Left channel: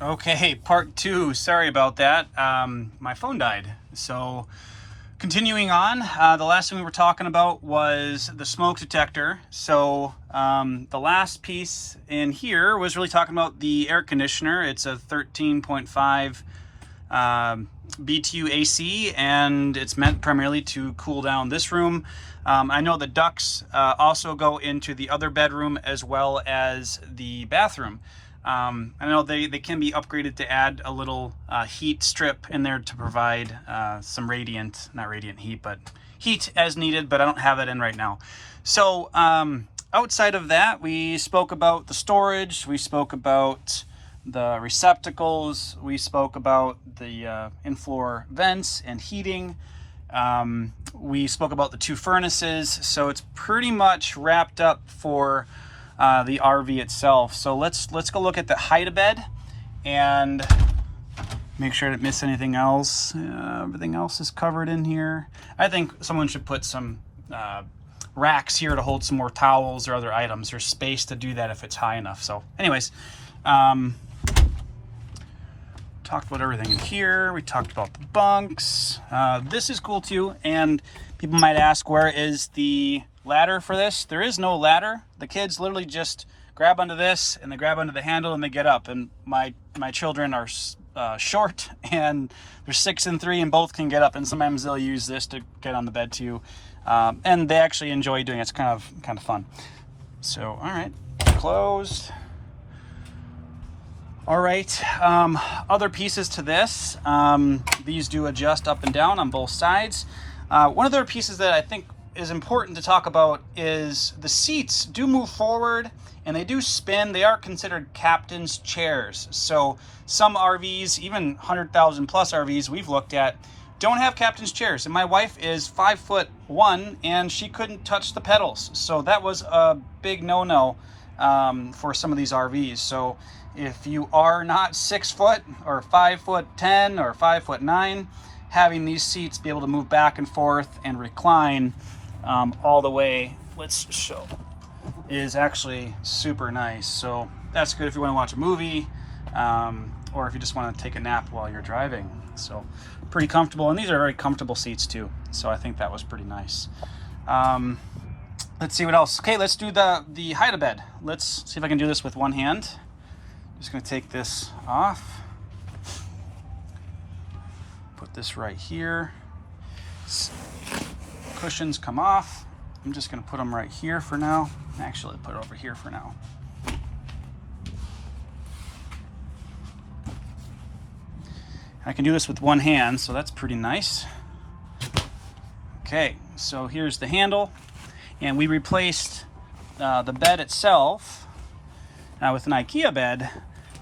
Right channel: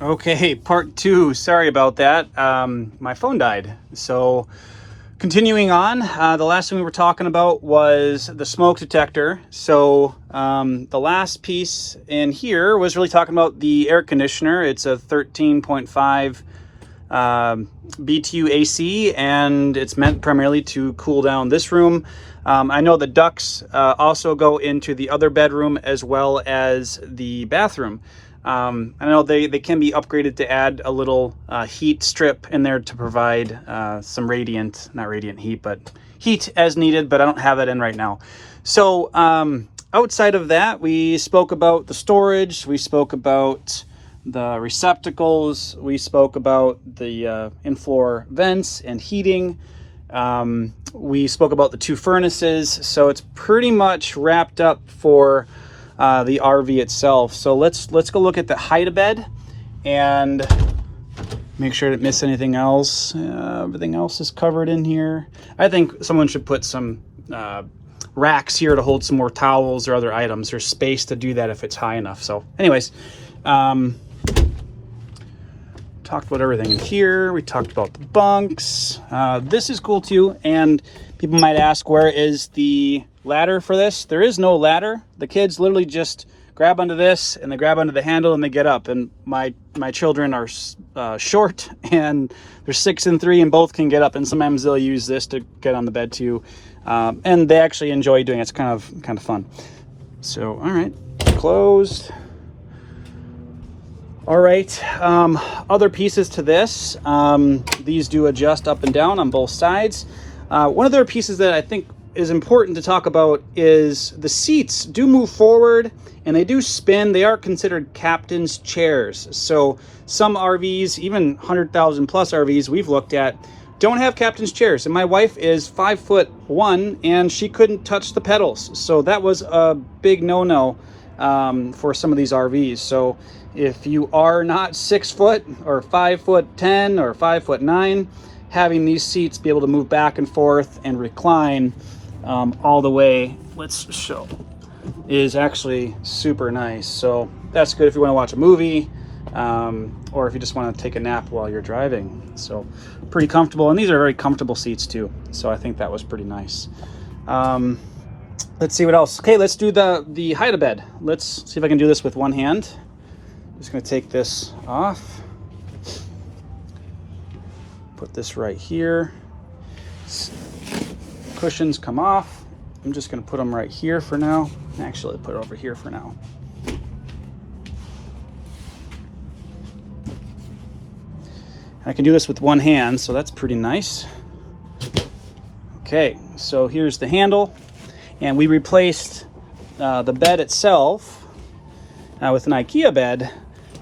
Okay, part two. Sorry about that. My phone died. So continuing on, the last thing we were talking about was the smoke detector. So the last piece in here was really talking about the air conditioner. It's a 13.5 BTU AC, and it's meant primarily to cool down this room. I know the ducts also go into the other bedroom as well as the bathroom. I know they can be upgraded to add a little heat strip in there to provide some not radiant heat, but heat as needed, but I don't have that in right now. So outside of that, we spoke about the storage, we spoke about the receptacles, we spoke about the in-floor vents and heating. We spoke about the two furnaces, so it's pretty much wrapped up for the RV itself. So let's go look at the hide-a-bed and make sure I didn't miss anything else. Everything else is covered in here. I think someone should put some racks here to hold some more towels or other items. There's space to do that if it's high enough. So anyways, talked about everything in here. We talked about the bunks. This is cool too. And people might ask, where is the ladder for this? There is no ladder. The kids literally just grab onto this and they grab onto the handle and they get up. And my children are short, and they're 6 and 3, and both can get up. And sometimes they'll use this to get on the bed too. And they actually enjoy doing it. It's kind of fun. So, all right, closed. All right, other pieces to this. These do adjust up and down on both sides. One of the other pieces that I think is important to talk about is the seats do move forward and they do spin. They are considered captain's chairs. So some RVs, even 100,000 plus RVs we've looked at, don't have captain's chairs. And my wife is 5'1" and she couldn't touch the pedals. So that was a big no-no for some of these RVs. So if you are not 6 foot or 5'10" or 5'9", having these seats be able to move back and forth and recline all the way, let's show, is actually super nice. So that's good if you want to watch a movie or if you just want to take a nap while you're driving. So pretty comfortable, and these are very comfortable seats too. So I think that was pretty nice. Let's see what else. Okay, let's do the hide-a-bed. Let's see if I can do this with one hand. Just gonna take this off. Put this right here. Cushions come off. I'm just gonna put them right here for now. Actually, put it over here for now. I can do this with one hand, so that's pretty nice. Okay, so here's the handle. And we replaced the bed itself with an IKEA bed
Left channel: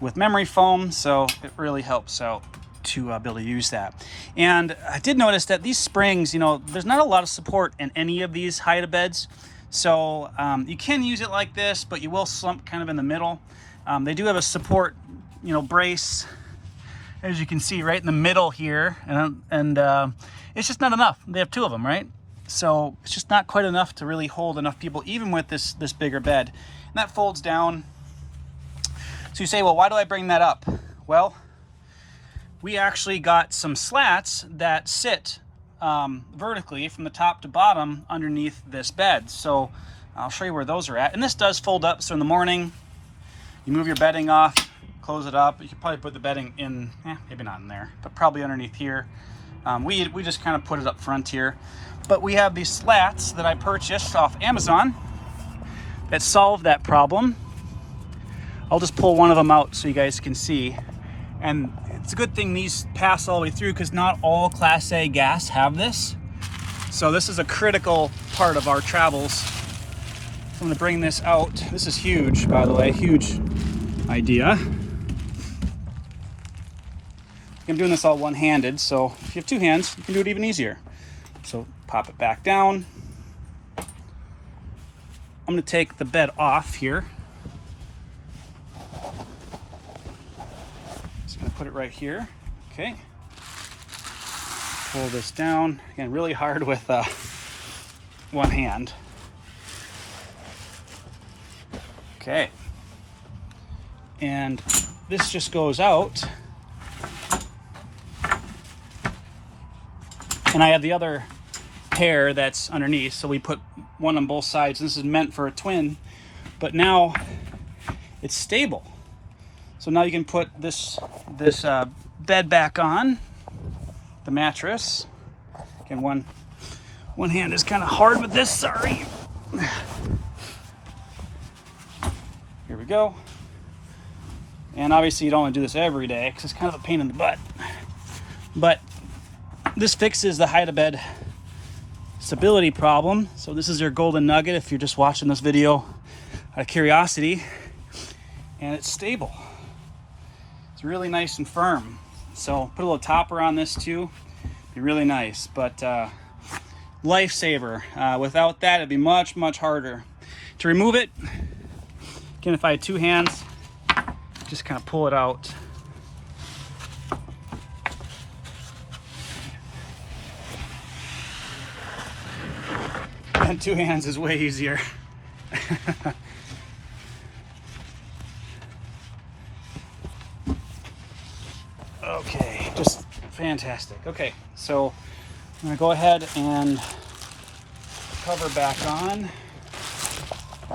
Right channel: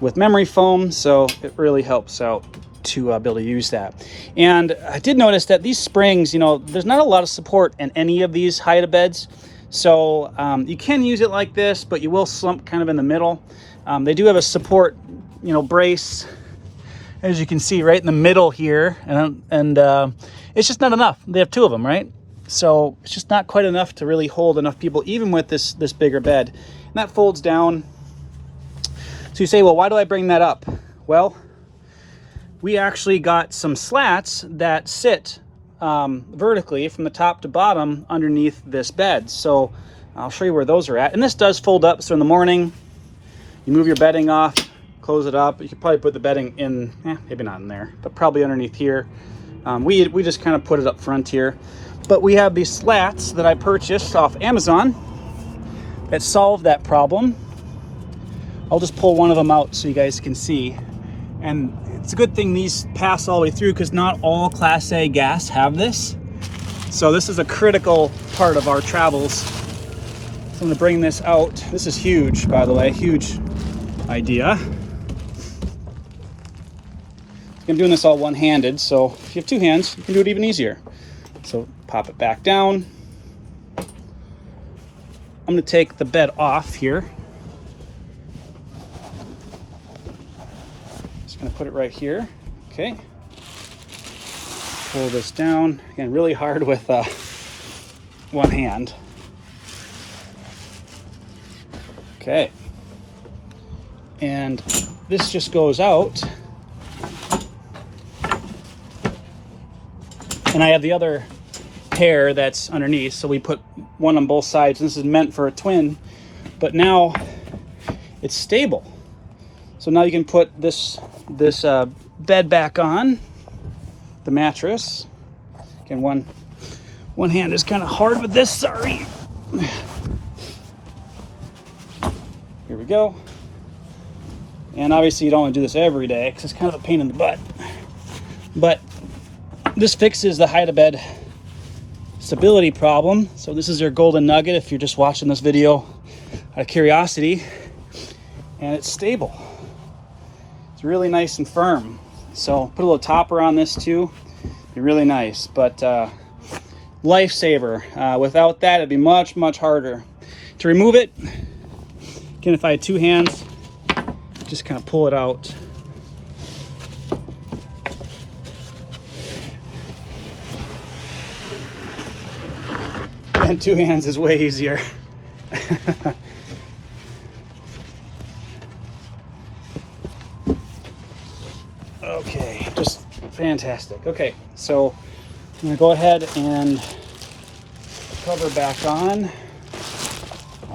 with memory foam, so it really helps out to be able to use that. And I did notice that these springs, there's not a lot of support in any of these hide-a-beds, so you can use it like this, but you will slump kind of in the middle. They do have a support, brace, as you can see right in the middle here, and it's just not enough. They have 2 of them, right? So it's just not quite enough to really hold enough people, even with this bigger bed. And that folds down. So you say, well, why do I bring that up? Well, we actually got some slats that sit vertically from the top to bottom underneath this bed. So I'll show you where those are at. And this does fold up. So in the morning, you move your bedding off, close it up. You could probably put the bedding in, maybe not in there, but probably underneath here. We just kind of put it up front here. But we have these slats that I purchased off Amazon that solve that problem. I'll just pull one of them out so you guys can see. And it's a good thing these pass all the way through, because not all Class A gas have this. So this is a critical part of our travels. So I'm gonna bring this out. This is huge, by the way, huge idea. I'm doing this all one-handed, so if you have 2 hands, you can do it even easier. So pop it back down. I'm gonna take the bed off here. Just gonna put it right here. Okay. Pull this down. Again, really hard with one hand. Okay. And this just goes out. And I have the other pair that's underneath, so we put one on both sides. This is meant for a twin, but now it's stable. So now you can put this bed back on the mattress. Again, one hand is kind of hard with this, sorry. Here we go. And obviously you don't want to do this every day because it's kind of a pain in the butt. But this fixes the hide-a-bed stability problem. So this is your golden nugget if you're just watching this video out of curiosity. And it's stable. It's really nice and firm. So put a little topper on this too. Be really nice. But lifesaver. Without that, it'd be much, much harder to remove it. Again, if I had two hands, just kind of pull it out. And two hands is way easier. Okay, just fantastic. Okay, so I'm gonna go ahead and cover back on.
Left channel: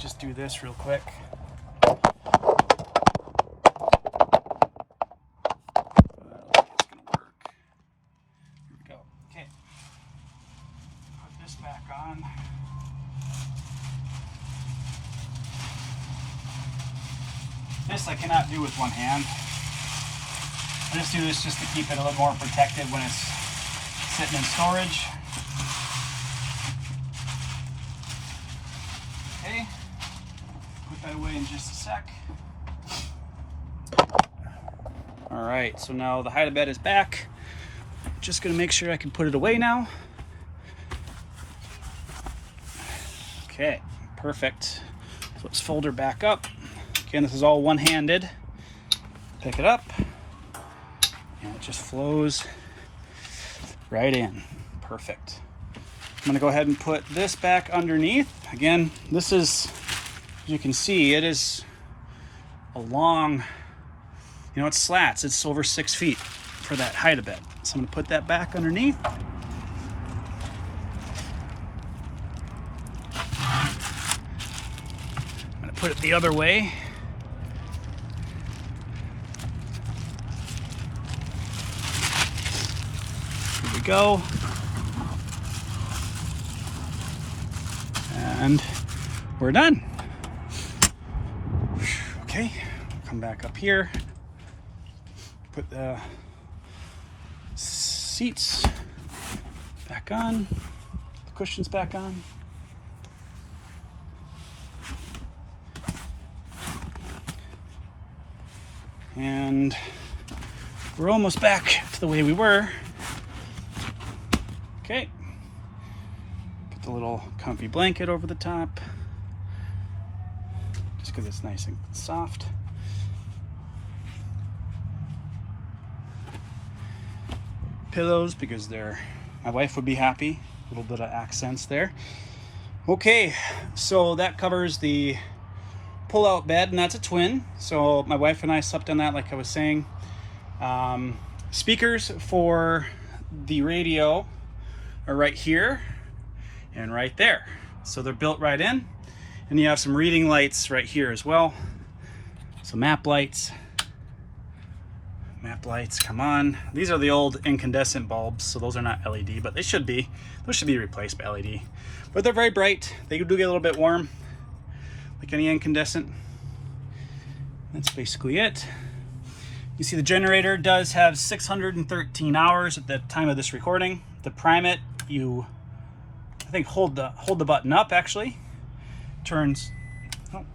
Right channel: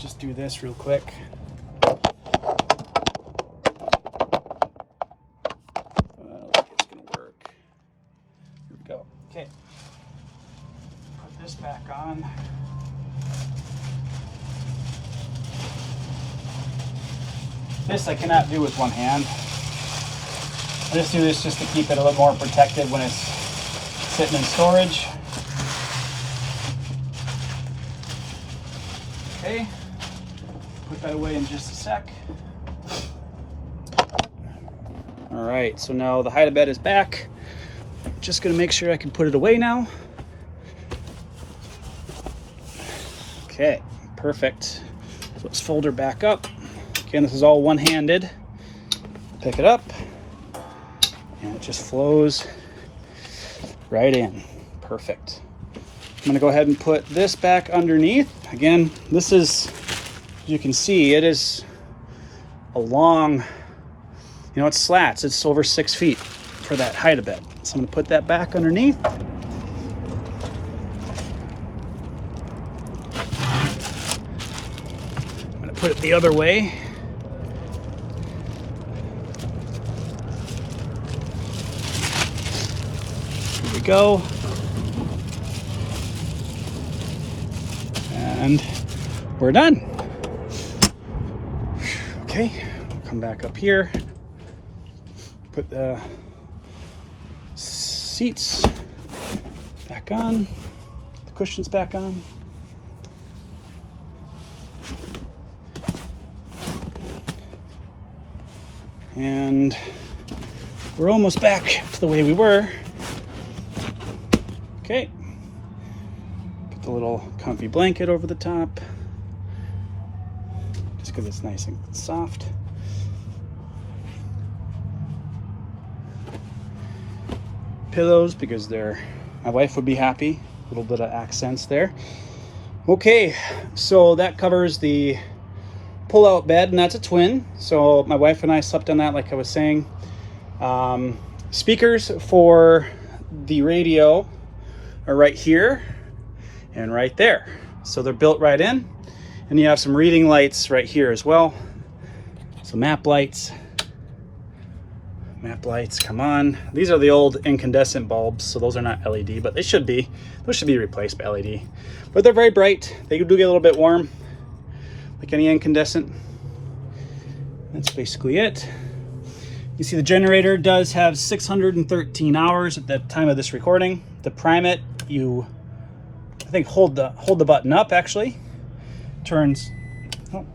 Just do this real quick. Here we go. Okay. Put this back on. This I cannot do with one hand. I just do this just to keep it a little more protected when it's sitting in storage. Okay, put that away in just a sec. All right, so now the hide-a-bed is back. Just gonna make sure I can put it away now. Okay, perfect. So let's fold her back up. Again, this is all one-handed. Pick it up, and it just flows right in. Perfect. I'm gonna go ahead and put this back underneath. Again, this is, as you can see, it is a long, it's slats. It's over 6 feet for that hide-a-bed. So I'm gonna put that back underneath. I'm gonna put it the other way. Here we go. And we're done. Okay, come back up here. Put the seats back on, the cushions back on. And we're almost back to the way we were. Okay. Put the little comfy blanket over the top, just because it's nice and soft. Pillows, because my wife would be happy. A little bit of accents there. Okay, so that covers the pull-out bed, and that's a twin. So my wife and I slept on that, like I was saying. Speakers for the radio are right here and right there. So they're built right in. And you have some reading lights right here as well. So map lights. Map lights, come on. These are the old incandescent bulbs, so those are not LED, but they should be. Those should be replaced by LED. But they're very bright. They do get a little bit warm, like any incandescent. That's basically it. You see the generator does have 613 hours at the time of this recording. To prime it, you, I think, hold the button up, actually. Turns, oh.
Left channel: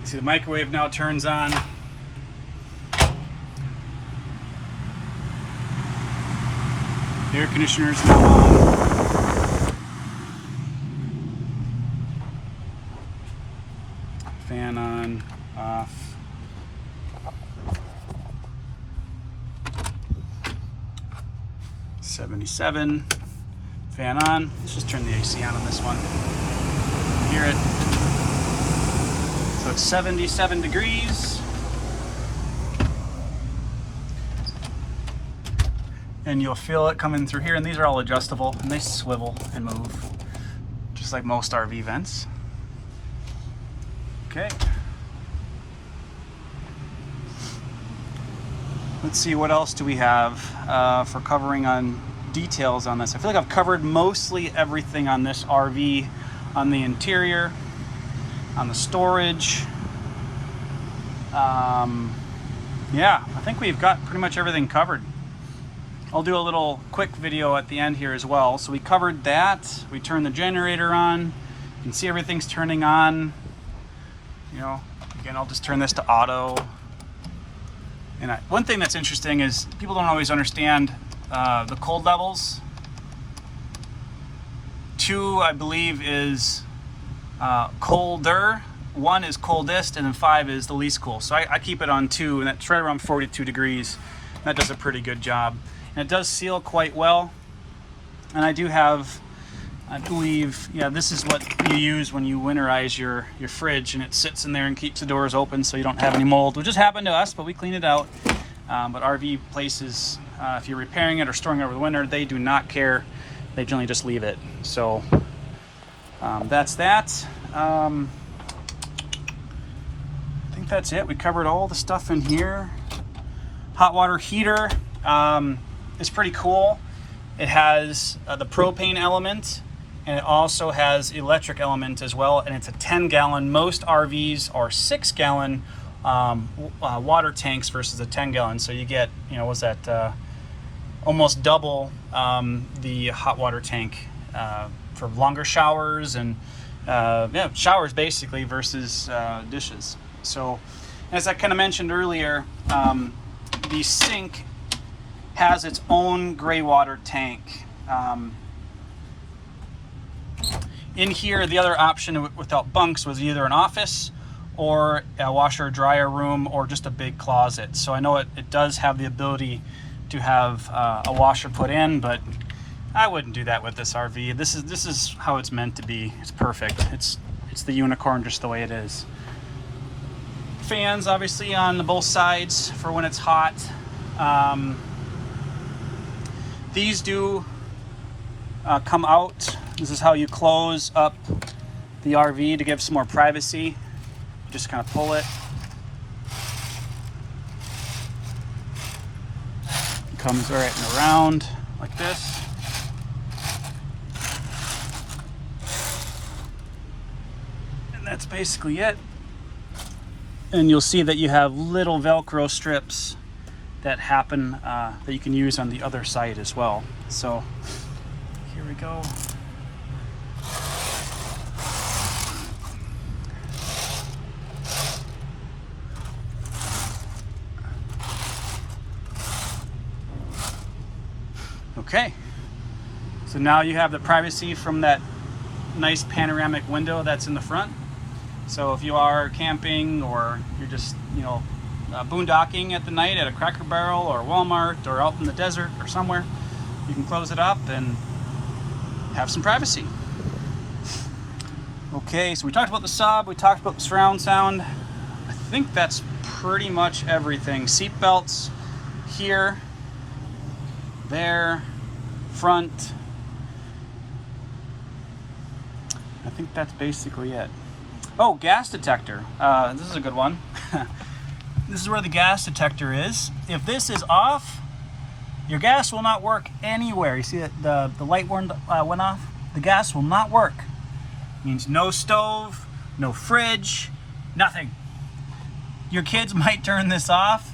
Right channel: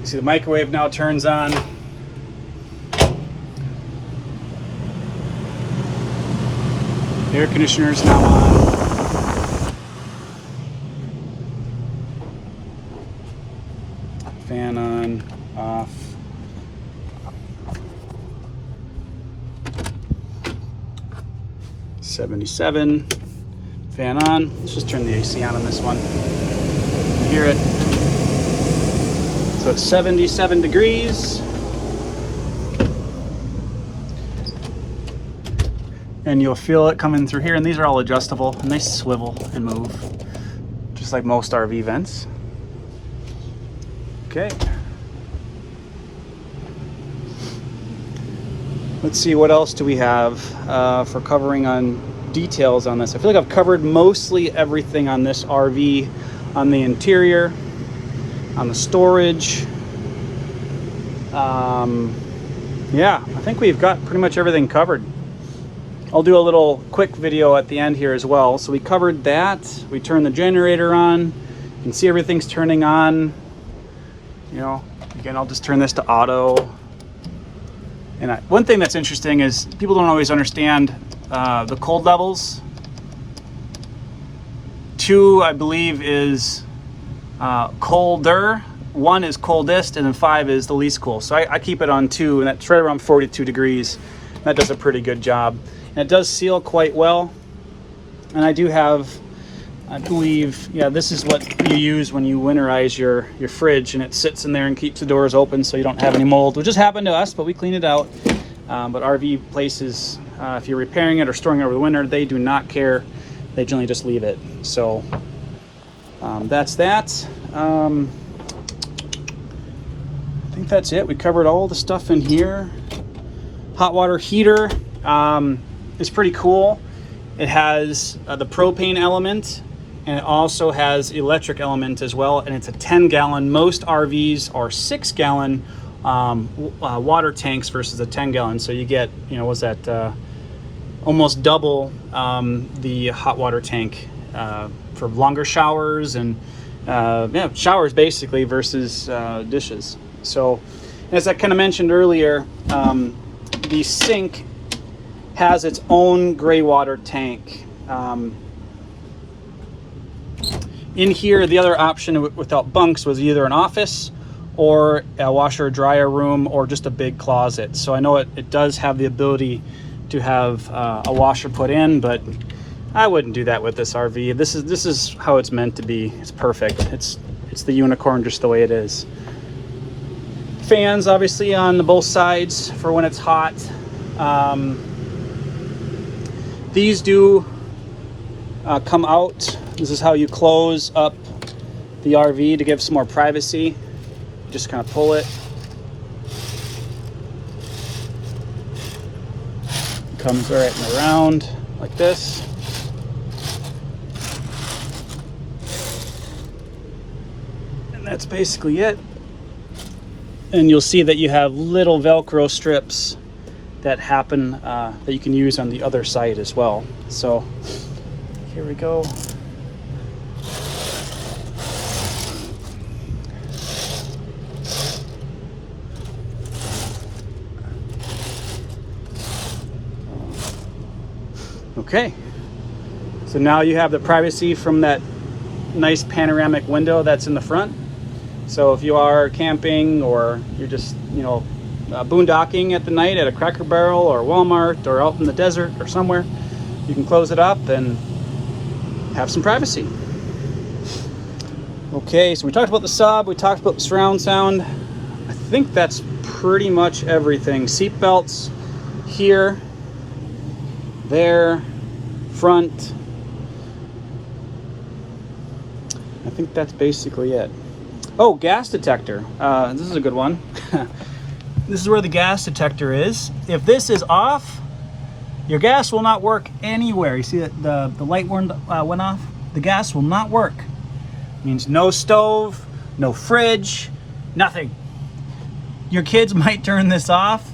You see the microwave now turns on. The air conditioner is now on. Fan on, off. '77. Fan on. Let's just turn the AC on this one. You hear it. put 77 degrees. And you'll feel it coming through here, and these are all adjustable, and they swivel and move, just like most RV vents. Okay. Let's see, what else do we have for covering on details on this? I feel like I've covered mostly everything on this RV, on the interior, on the storage. Yeah, I think we've got pretty much everything covered. I'll do a little quick video at the end here as well. So we covered that. We turned the generator on. You can see everything's turning on. You know, again, I'll just turn this to auto. And one thing that's interesting is people don't always understand the cold levels. 2, I believe, is colder. 1 is coldest, and then 5 is the least cool. So I keep it on 2, and that's right around 42 degrees. That does a pretty good job. And it does seal quite well. And I do have, I believe, yeah, this is what you use when you winterize your fridge, and it sits in there and keeps the doors open so you don't have any mold, which just happened to us, but we cleaned it out. But RV places, if you're repairing it or storing it over the winter, they do not care. They generally just leave it. So that's that. I think that's it. We covered all the stuff in here. Hot water heater is pretty cool. It has the propane element, and it also has electric element as well, and it's a 10-gallon. Most RVs are 6-gallon water tanks versus a 10-gallon, so you get, you know, what's that, almost double the hot water tank for longer showers and yeah, showers basically versus dishes. So as I kind of mentioned earlier, the sink has its own gray water tank. In here, the other option without bunks was either an office or a washer or dryer room or just a big closet. So I know it does have the ability to have a washer put in, but I wouldn't do that with this RV. This is how it's meant to be. It's perfect. It's the unicorn just the way it is. Fans obviously on both sides for when it's hot. These do come out. This is how you close up the RV to give some more privacy. Just kind of pull it. It comes right and around like this. And that's basically it. And you'll see that you have little Velcro strips that happen that you can use on the other side as well. So here we go. Okay, so now you have the privacy from that nice panoramic window that's in the front. So if you are camping or you're just, you know, boondocking at the night at a Cracker Barrel or Walmart or out in the desert or somewhere, you can close it up and have some privacy. Okay, so we talked about the sub, we talked about the surround sound. I think that's pretty much everything. Seat belts here, there, front. I think that's basically it. Oh, gas detector. This is a good one. This is where the gas detector is. If this is off, your gas will not work anywhere. You see that the light went off? The gas will not work. It means no stove, no fridge, nothing. Your kids might turn this off,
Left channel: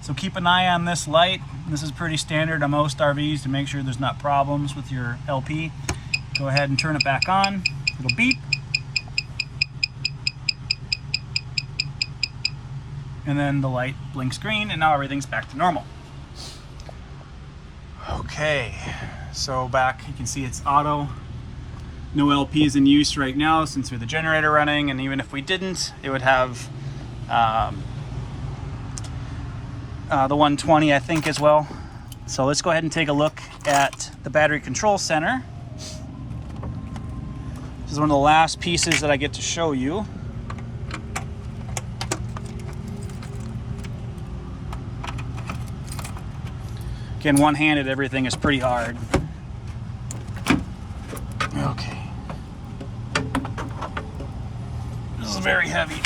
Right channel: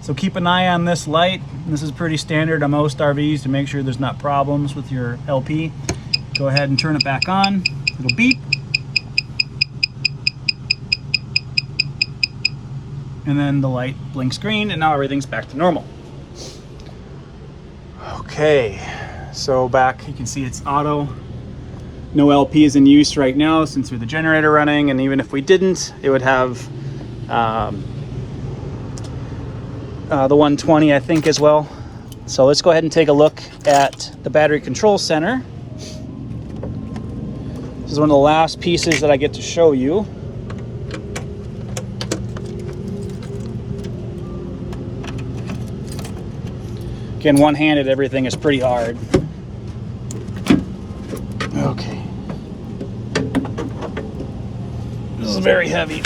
so keep an eye on this light. This is pretty standard on most RVs to make sure there's not problems with your LP. Go ahead and turn it back on. It'll beep. And then the light blinks green, and now everything's back to normal. Okay, so back, you can see it's auto. No LP is in use right now since we have the generator running, and even if we didn't, it would have the 120, I think, as well. So let's go ahead and take a look at the battery control center. This is one of the last pieces that I get to show you. Again, one-handed, everything is pretty hard. Okay. This is very heavy.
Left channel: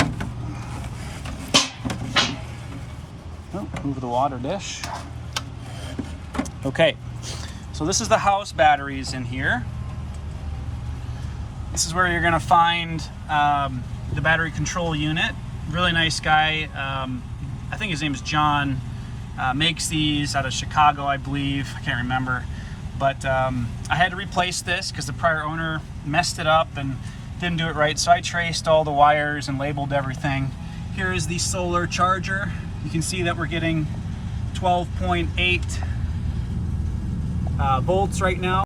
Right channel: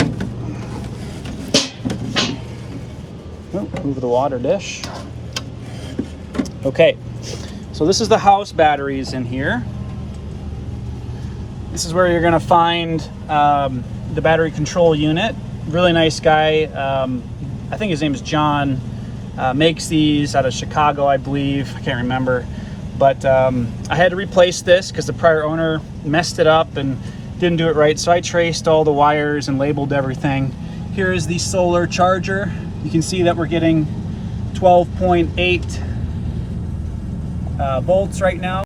Oh, move the water dish. Okay, so this is the house batteries in here. This is where you're gonna find the battery control unit. Really nice guy. I think his name is John. Makes these out of Chicago, I believe. I can't remember. But I had to replace this because the prior owner messed it up and didn't do it right. So I traced all the wires and labeled everything. Here is the solar charger. You can see that we're getting 12.8 volts right now.